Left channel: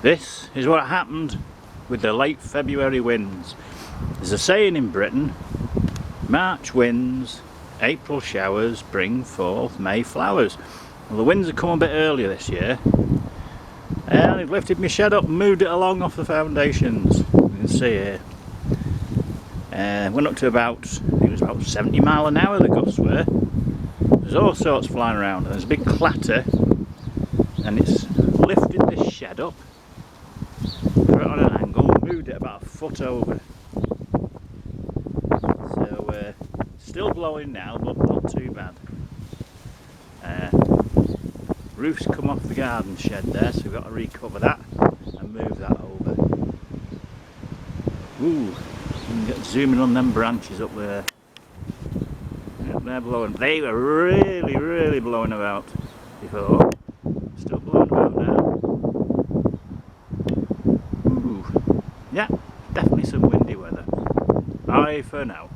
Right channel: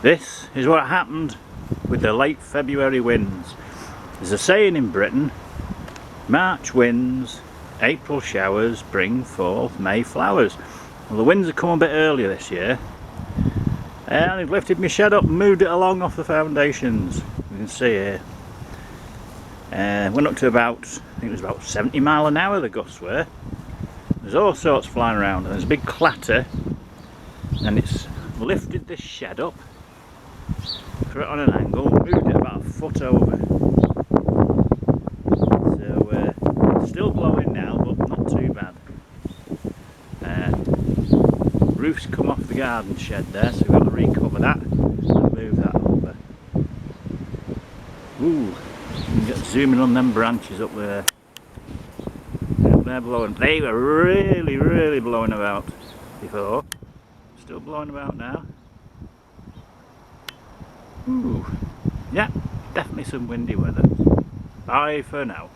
This is what happened with the late February winds. There's a saying in Britain, March winds, April showers bring forth May flowers. Well, the winds have come a bit earlier this year, and they've lifted my shed up and moved it along off the foundations. You can see here. Went up to about, I think it was about 70 mile an hour the gusts were. There's all sorts flying around, and there's a big clatter, and it's lifted this shed up, put it on an angle, and moved it about a foot over. So still blowing now, but not too bad. Roof's come off the garden shed there, so we've got to recover that and move that over. Ooh, you can get zooming on them branches up there. Yep, they're blowing. They were really blowing about before. Still blowing about now. Ooh, yeah, definitely some windy weather. Bye for now.